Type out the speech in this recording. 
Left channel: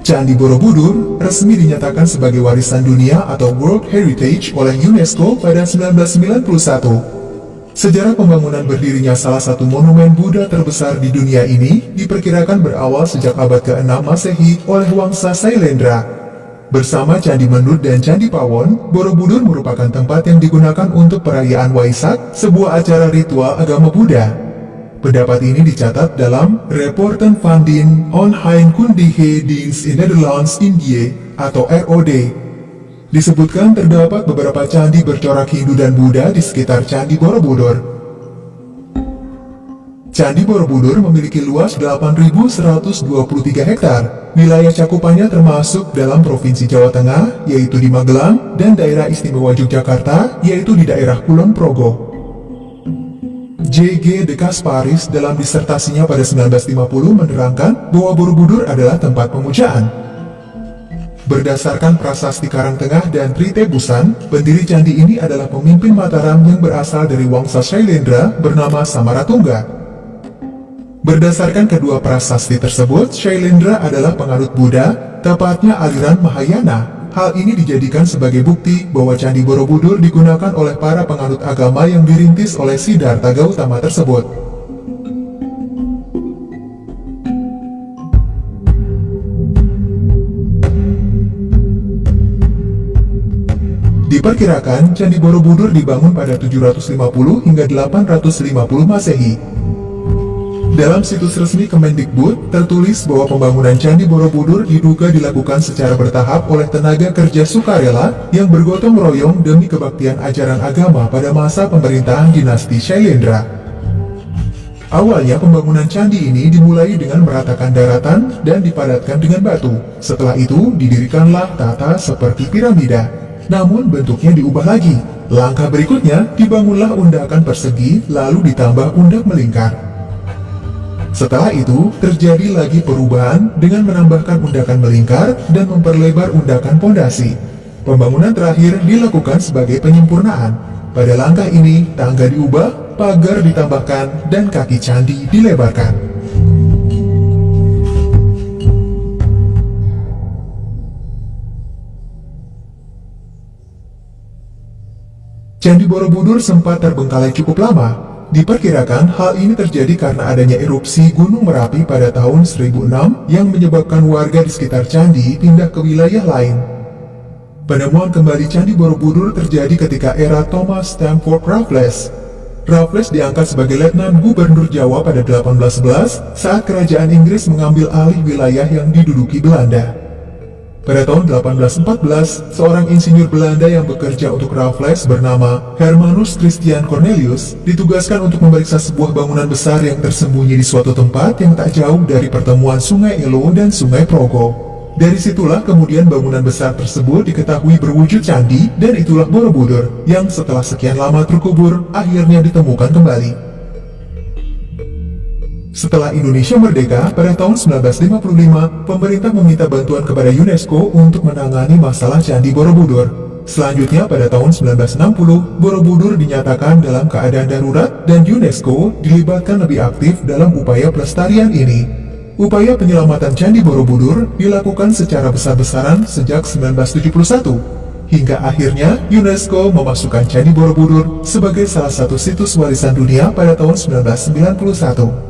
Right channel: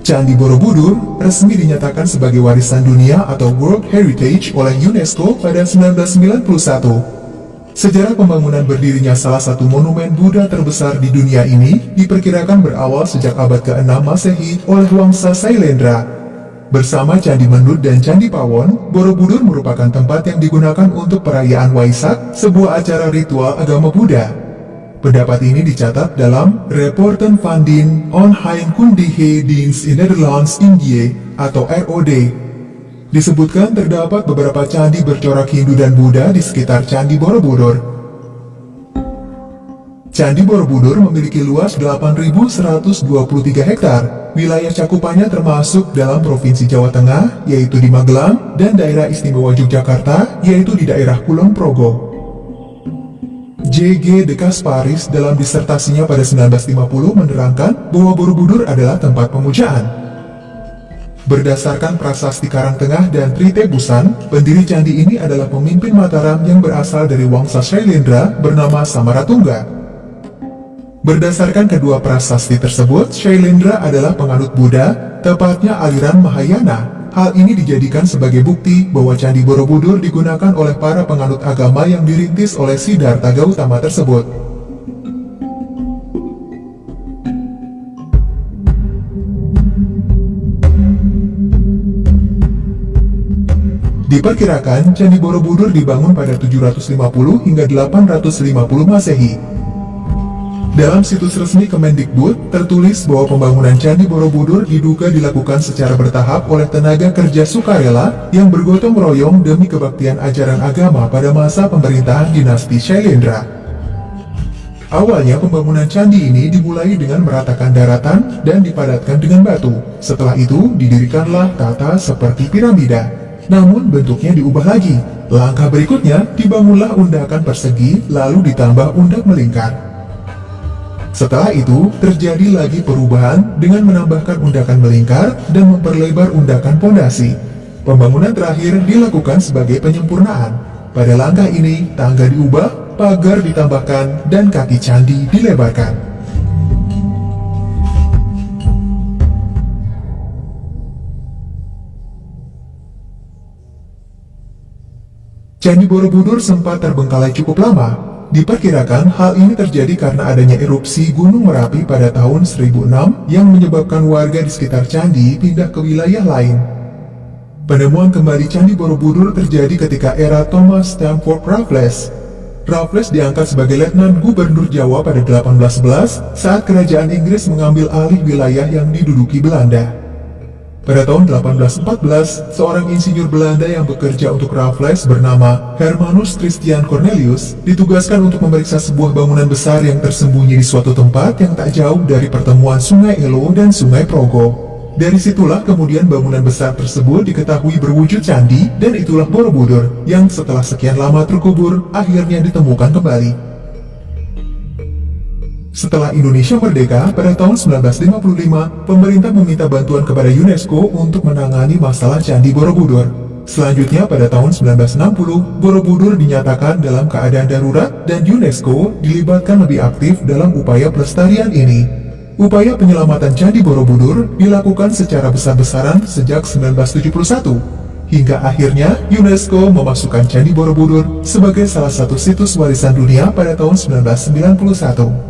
Candi Borobudur resmi dinyatakan sebagai warisan dunia atau World Heritage oleh UNESCO pada 1991. Sejarah pembangunan berdirinya salah satu monumen Buddha terbesar di dunia ini diperkirakan berawal sejak abad ke-6 Masehi oleh Wangsa Sailendra. Bersama Candi Mendut dan Candi Pawon, Borobudur merupakan tempat yang digunakan untuk perayaan Waisak, sebuah acara ritual agama Buddha. Pendapat ini dicatat dalam Rapporten van den Onheilkundige Dienst in Nederlands Indië atau ROD. Disebutkan terdapat beberapa candi bercorak Hindu dan Buddha di sekitar Candi Borobudur. Candi Borobudur memiliki luas 8.123 hektar. Wilayah cakupannya termasuk dalam Provinsi Jawa Tengah, yaitu di Magelang, dan Daerah Istimewa Yogyakarta, yaitu di daerah Kulon Progo. J.G. de Kasparis dalam disertasinya pada 1950 menerangkan bahwa Borobudur adalah tempat pemujaan. Berdasarkan prasasti Karangtengah dan Tritebusan, pendiri candi ini adalah pemimpin Mataram yang berasal dari Wangsa Sailendra bernama Samaratungga. Berdasarkan kedua prasasti tersebut, Sailendra adalah penganut Buddha, tepatnya aliran Mahayana. Hal ini dijadikan sebagai bukti bahwa Candi Borobudur digunakan oleh para penganut agama yang dirintis oleh Siddhartha Gautama tersebut. Diperkirakan Candi Borobudur dibangun pada 750 hingga 850 Masehi. Dalam situs resmi Kemendikbud tertulis bahwa pembangunan Candi Borobudur diduga dilakukan secara bertahap oleh tenaga kerja sukarela yang bergotong royong demi kebaktian ajaran agama pada masa pemerintahan dinasti Sailendra. Awalnya pembangunan candi ini dimulai dengan meratakan daratan dan dipadatkan dengan batu. Setelah itu didirikanlah tata seperti piramida. Namun bentuknya diubah lagi. Langkah berikutnya dibangunlah undakan persegi lalu ditambah undak melingkar. Setelah itu terjadi lagi perubahan dengan menambahkan undakan melingkar dan memperlebar undakan pondasi. Pembangunan terakhir dilakukan sebagai penyempurnaan. Pada langkah ini tangga diubah, pagar ditambahkan, dan kaki candi dilebarkan. Candi Borobudur sempat terbengkalai cukup lama. Diperkirakan hal ini terjadi karena adanya erupsi Gunung Merapi pada tahun 1006 yang menyebabkan warga di sekitar candi pindah ke wilayah lain. Penemuan kembali Candi Borobudur terjadi ketika era Thomas Stamford Raffles. Raffles diangkat sebagai Letnan Gubernur Jawa pada 1811 saat kerajaan Inggris mengambil alih wilayah yang diduduki Belanda. Pada tahun 1814, seorang insinyur Belanda yang bekerja untuk Raffles bernama Hermanus Christian Cornelius ditugaskan untuk memeriksa sebuah bangunan besar yang tersembunyi di suatu tempat yang tak jauh dari pertemuan Sungai Elo dan Sungai Progo. Dari situlah kemudian bangunan besar tersebut diketahui berwujud candi dan itulah Borobudur yang setelah sekian lama terkubur akhirnya ditemukan kembali. Setelah Indonesia merdeka pada tahun 1955, pemerintah meminta bantuan kepada UNESCO untuk menangani masalah Candi Borobudur. Selanjutnya pada tahun 1960, Borobudur dinyatakan dalam keadaan darurat dan UNESCO dilibatkan lebih aktif dalam upaya pelestarian ini. Upaya penyelamatan Candi Borobudur dilakukan secara besar-besaran sejak 1971, hingga akhirnya UNESCO memasukkan Candi Borobudur sebagai salah satu situs warisan dunia pada tahun 1991.